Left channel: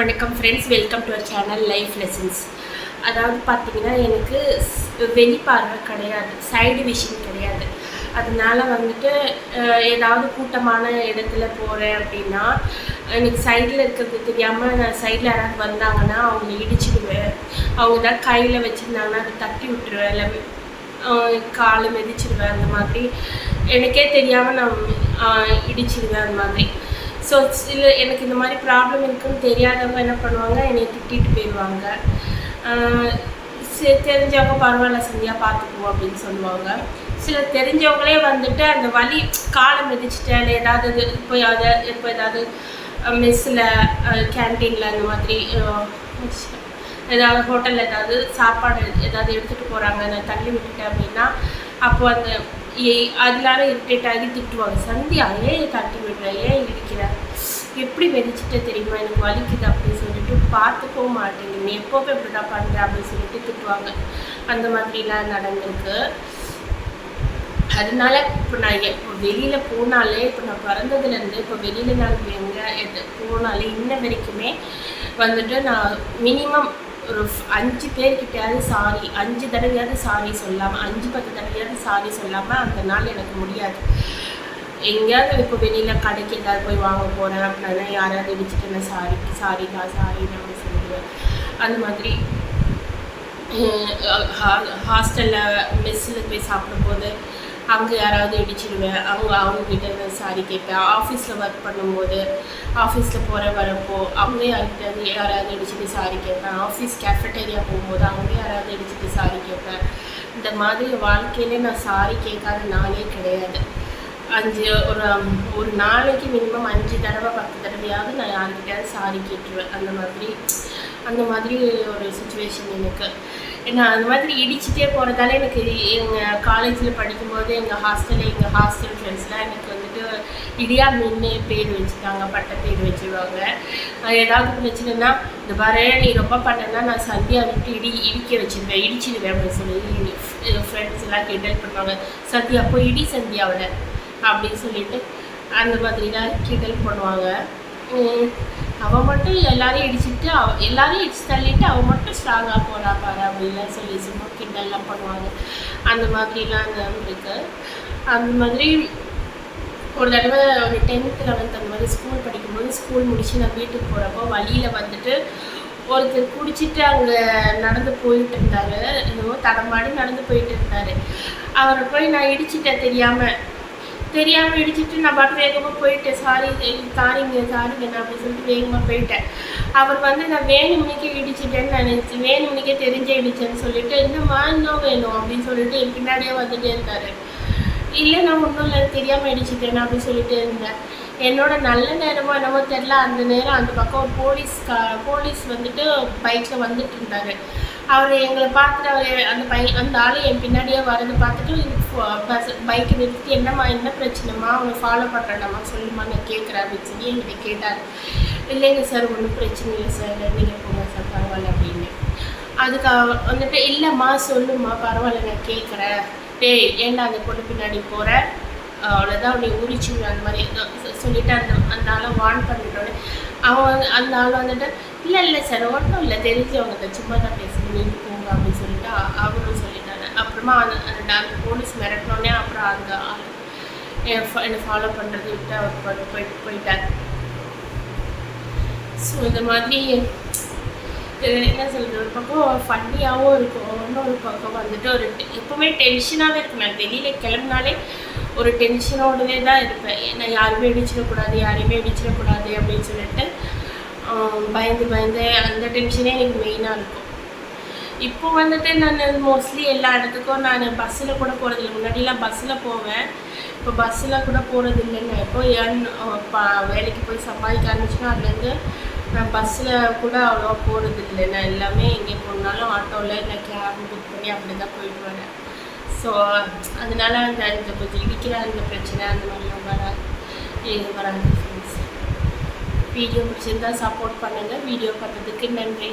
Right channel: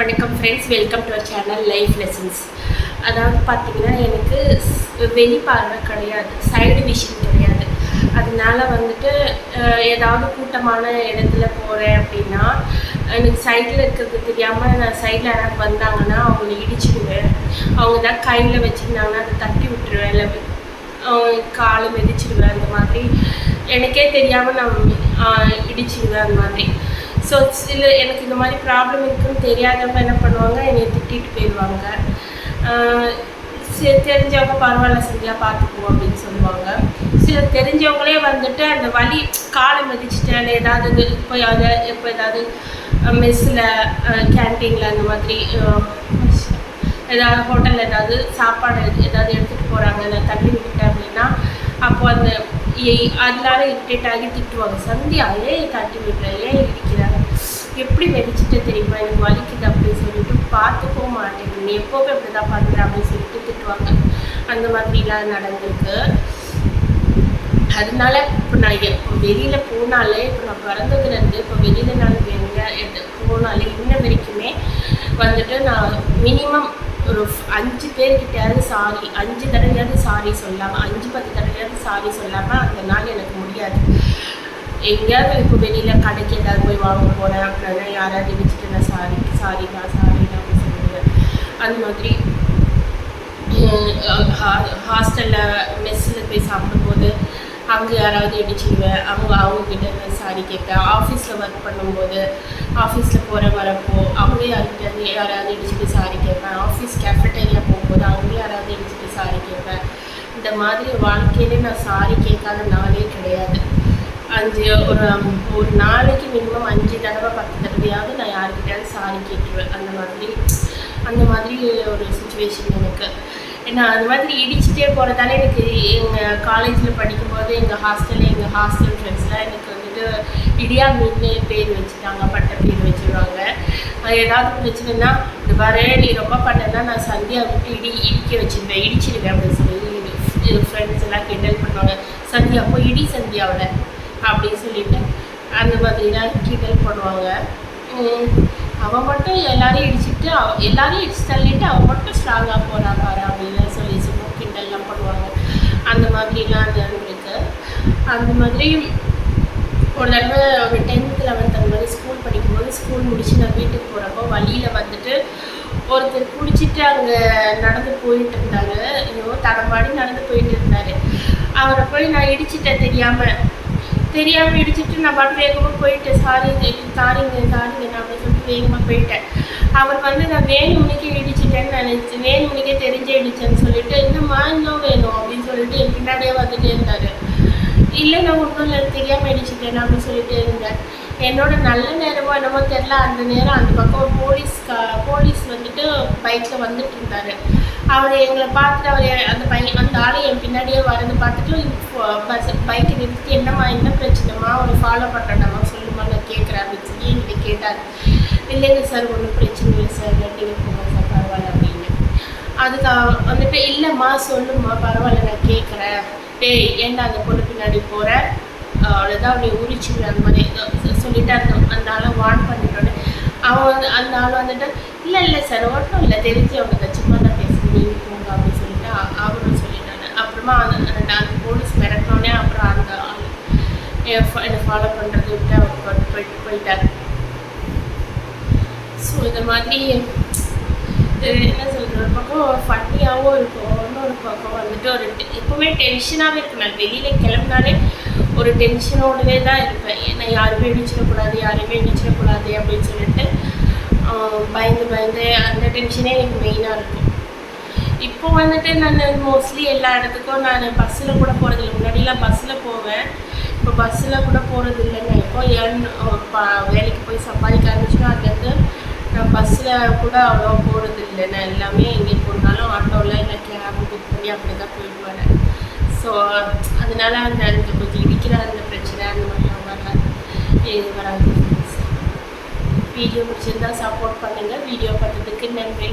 வணக்கம் friends welcome to our channel life lessons அதாவது பார்த்தீங்கன்னா எனக்கு ஸ்- வெளிப்பார்வை கிடையாது சைடு விஷன் கிடையாது. அதனால வந்துட்டு ஏதாவது கூட்டமான இடத்துல போகிறேன் அப்படின்னா எனக்கு சைடில் இருக்கிறது தெரியாமல் நான் சைடில் யாராவது வந்தாங்கன்னா அவங்கள இடிச்சிடுவேன். அவங்க ஏதாவது கையில் வச்சுருந்தாங்கன்னா அதை தட்டி விட்டுருவேன். இல்லை காலை மிதிச்சிடுவேன் அந்த மாதிரி எனக்கே தெரியாமல் நான் இடிச்சிடுவேன் அந்த மாதிரி. ஸோ சில எனக்கு இந்த மாதிரி ப்ராப்ளம் இருக்குன்னு தெரியாதவங்க என்ன பண்ணுவாங்க? என்னை திட்டிட்டு போயிடுவாங்க. சரி தெரிஞ்சவங்க பரவாயில்ல சரியாக பார்த்துக்குவோம் அப்படின்னு சொல்லுவாங்க. சில தெரிஞ்சவங்களே வந்துட்டு அந்த வலி காலை மிதிச்சிட்டேன் இல்லை ஏதாவது இப்போ அதை இப்போ ஏதாவது மெஸ்ஸில் கேன்டீனில் அந்த மாதிரி ஏதாவது ஹோட்டலில் ஏதாவது சாப்பாடு ஏதாவது எடுத்துகிட்டு போகிறாங்க நான் தள்ளி விட்டுட்டேன் அப்படின்னா அப்போ அந்த அதனால இரிட்டேட் ஆகி திட்டுவாங்க. சந்தியா ஏன் தட்டி விடுற? ஏன் இடிக்கிற? எப்படி வெடிச்சிட்டு தெரியுமா? எனக்கு வலிக்குது அப்படின்னு சொல்லிட்டு பார்த்துக்கவும் மாட்டேங்குது நீ எப்போவே இப்படி தான் பண்ணுற அப்படின்னு சொல்லிட்டு திட்டுவாங்க. அந்த மாதிரிலாம் நடந்திருக்கு. அதனால இப்போ நான் எப்போ வெளியில் போனாலே இப்போ நான் பிறந்ததுலேருந்து இப்போ வெளியில் நான் எங்கே எது போனாலே இன்ன வரைக்குமே வந்துட்டு நான் மினிமம் ஒரு அஞ்சு பேர்கிட்டயாவது சாரி அஞ்சு தடவையாவது சாரி சொல்லாமல் அஞ்சு பத்து தடவையாவது சாரி சொல்லாமல் அந்த நாள் எனக்கு முடியாது. எங்கேயாவது இப்போ வெளியில் கடைக்கு ஏதாவது போய் வாங்க போகிறேன் அப்படின்னா யாராவது இடிச்சுட்டு நான் சாரி சாரிடா சாரிடா அப்படின்னு சொல்லுவேன் அந்த மாதிரி ஹாஸ்டலில் மெஸ்ஸில் போய் சாப்பிடும்போது அங்கே யாராவது இடிச்சிடுவேன். அவங்க அவங்கக்கிட்ட நான் சாரி கேட்பேன். ஆஃபீஸில் ஒர்க் பண்ணும்போது ஆஃபீஸில் போகிற வரப்போ அவங்க யார்கிட்ட யாராவது இடிச்சிட்டு சாரி கேட்பேன். ஆஃபீஸ் கேஃபட்டேரியா போகும்போது அவங்க யாராவது இடிச்சிட்டு சாரி கேட்பேன். இந்த மாதிரி வாழ்க்கையிலே நான் சாரி கேட்காத நாளே கிடையாது. அஞ்சு ஒரு ஒரு நாளைக்கு மினிமம் அஞ்சு தடவை பத்து தடவையாவது நான் யார்கிட்டயாவது சாரி கேட்டுருவேன். அந்த மாதிரி அந்த மாதிரி ஒரு சுச்சுவேஷன் எனக்கு. ஏன்னா அந்த மாதிரி இடிச்சிட்டே போகிறதால எனக்கு எங்கள் காலேஜில் படிக்கும்போது எங்கள் ஹாஸ்டலில் எங்கள் ஹாஸ்டல் ஃப்ரெண்ட்ஸ்லாம் எனக்கு வந்துட்டு இடியா மீன்னு பேர் வச்சுட்டாங்க பட்ட பேர் வச்சுருவாங்க. அது ஏதாவது பிரச்சனைனா இந்த பாரு நீ ரொம்ப பண்ணனா நான் சந்தியா விட்டு இடி இடிக்க வச்சுருவேன் இடிச்சிடுவேன் அப்படின்னு சொல்லி ஃப்ரெண்ட்ஸ் எல்லாம் கிண்டல் பண்ணுவாங்க. சந்தியா போய் இடி சந்தியாவில் அப்படின்னு சொல்லிட்டு அந்த மாதிரிலாம் கிண்டல் பண்ணுவாங்க. அவன் மட்டும் எல்லாரையும் இடிச்சுட்டு அவ எல்லாரையும் இடிச்சு தள்ளிட்டு அவன் மட்டும் ஸ்ட்ராங்காக போறா பாரு அப்படின்லாம் சொல்லி சும்மா கிண்டல்லாம் பண்ணுவாங்க. அந்த மாதிரிலாம் இருக்கு. அந்த மாதிரி ஒரு தடவை ஒரு டென்த் லெவன்த் அந்த மாதிரி ஸ்கூல் படிக்கும்போது ஸ்கூல் முடிச்சு நான் வீட்டுக்கு போகிறப்போ வழியில் வந்துட்டு ஒருத்தர் குடிச்சிட்டு அங்கே நடந்து போயிட்டு இருந்தாரு. ஏதோ தடமாடி நடந்து போயிட்டு இருந்தாரு. அவரை போய் நான் இடிச்சிட்டேன் தெரியாமல் தெரியாமல் இடிச்சிட்டு நான் பாட்டு வேகமாக போயிட்டேன். சாரி சாரிங்க சாரிங்க நான் அப்படின்னு சொல்லிட்டு வேகமாக போயிட்டேன். அவர் வந்து நான் வேணுமணிக்கே இடிச்சிட்டேன்னு நினச்சி வேணுமணிக்கே தெரிஞ்சே இடிச்சேன்னு சொல்லிட்டு என்னம்மா இன்னும் வேணும் அப்படின்னு சொல்லிட்டு என் பின்னாடியே வந்துட்டே இருந்தார். இல்லை நான் ஒன்றும் இல்லை தெரியாமல் இடிச்சிட்டேன் அப்படின்னு சொல்லிட்டு இருந்தேன் என்னோட நல்ல நேரமோ என்னமோ தெரில அந்த நேரம் அந்த பக்கம் போலீஸ் கா போலீஸ் வந்துட்டு பைக்கில் வந்துட்டு இருந்தார். அவர் எங்களை பார்த்துட்டு அவர் அந்த பை அந்த ஆள் என் பின்னாடியே வரது. பார்த்துட்டு பஸ் பைக்கை நிறுத்தி என்னம்மா என்ன பிரச்சனைம்மா? அவனை ஃபாலோ பண்ணுறேன்டாம்மா சொல்லுமா நான் கேட்குறேன் அப்படின்னு சொல்லி என்கிட்ட கேட்டார். இல்லைங்க சார் ஒன்றும் பிரச்சனை இல்லை சார். நீங்கள் போங்க சார் பரவாயில்ல அப்படின்னு. அதுக்கு வந்துட்டு இல்லைம்மா சொல்லுமா பரவாயில்ல நான் கேட்குறேன். டேய் ஏன்டா அந்த பொண்ணு பின்னாடி போகிற அவ்வளோதான் அவனை உரிச்சு அந்த மாதிரி ஏதோ சொல்லிட்டு அந்த அந்த ஆளை வார்ன் பண்ணிட்டோன்னே அவன் வந்து அந்த ஆள் வந்துட்டு இல்லை இல்லை சார் ஒன்றும் இல்லை தெரிஞ்சு அவங்க சும்மா தான் பேசுகிறேன் நீங்கள் போங்க அப்படின்னு சொல்லிட்டு அவரும் சொல்லிட்டாரு. அப்புறமா அந்த அந்த அந்த போலீஸ் மிரட்டினோடனே அப்புறம் அந்த ஆள் என் என்னை ஃபாலோ பண்ணுறது விட்டு அவர் பாட்டு போயிட்டு போயிட்டார். ஸோ இந்த மாதிரி என்ன சொல்கிறது ஒரு பக்கம் ஃபன்னியாகவும் இருக்கும். இன்னொரு பக்கம் வந்துட்டு ஒரு எப்போவுமே டென்ஷனாகவே இருக்கும். நான் வெளியில் கிளம்புனாலே ஒரு டென்ஷனோடவே தான் இருப்பேன். ஏன்னா யாருமே இடிச்சிடக்கூடாது யாரையுமே இடிச்சிடக்கூடாது அப்படின்னு சொல்லிட்டு பயந்து பயந்து அந்த டென்ஷனே எனக்கு மெயினாக இருக்கும். இப்போ வந்துட்டு நான் மோஸ்ட்லி எல்லா இடத்துக்கும் நான் பஸ்ஸில் கூட போகிறதில்ல முன்னாடிலாம் பஸ்ஸில் போவேன். இப்போ பஸ்ஸில் கூட போகிறது இல்லைன்னு இப்போ ஏன் வேலைக்கு போய் சம்பாதிக்க ஆரம்பிச்சுன்னா அதுலேருந்து நான் பஸ்ஸில் கூட அவ்வளோவா போகிறது இல்லை நான் எல்லாமே எங்கே போனாலும் ஆட்டோவில் இல்லை கேப் புக் பண்ணி அப்படி தான் போயிட்டு வரேன். ஸோ அதனால அந்த அந்த கொஞ்சம் இடிக்கிற அந்த பிரச்சனை அந்த மாதிரிலாம் வராது. இது வராது வீடியோ பிடிச்சிருந்தா சப்போர்ட் பண்ணுங்கள் வீடியோ பார்த்ததுக்கு நன்றி.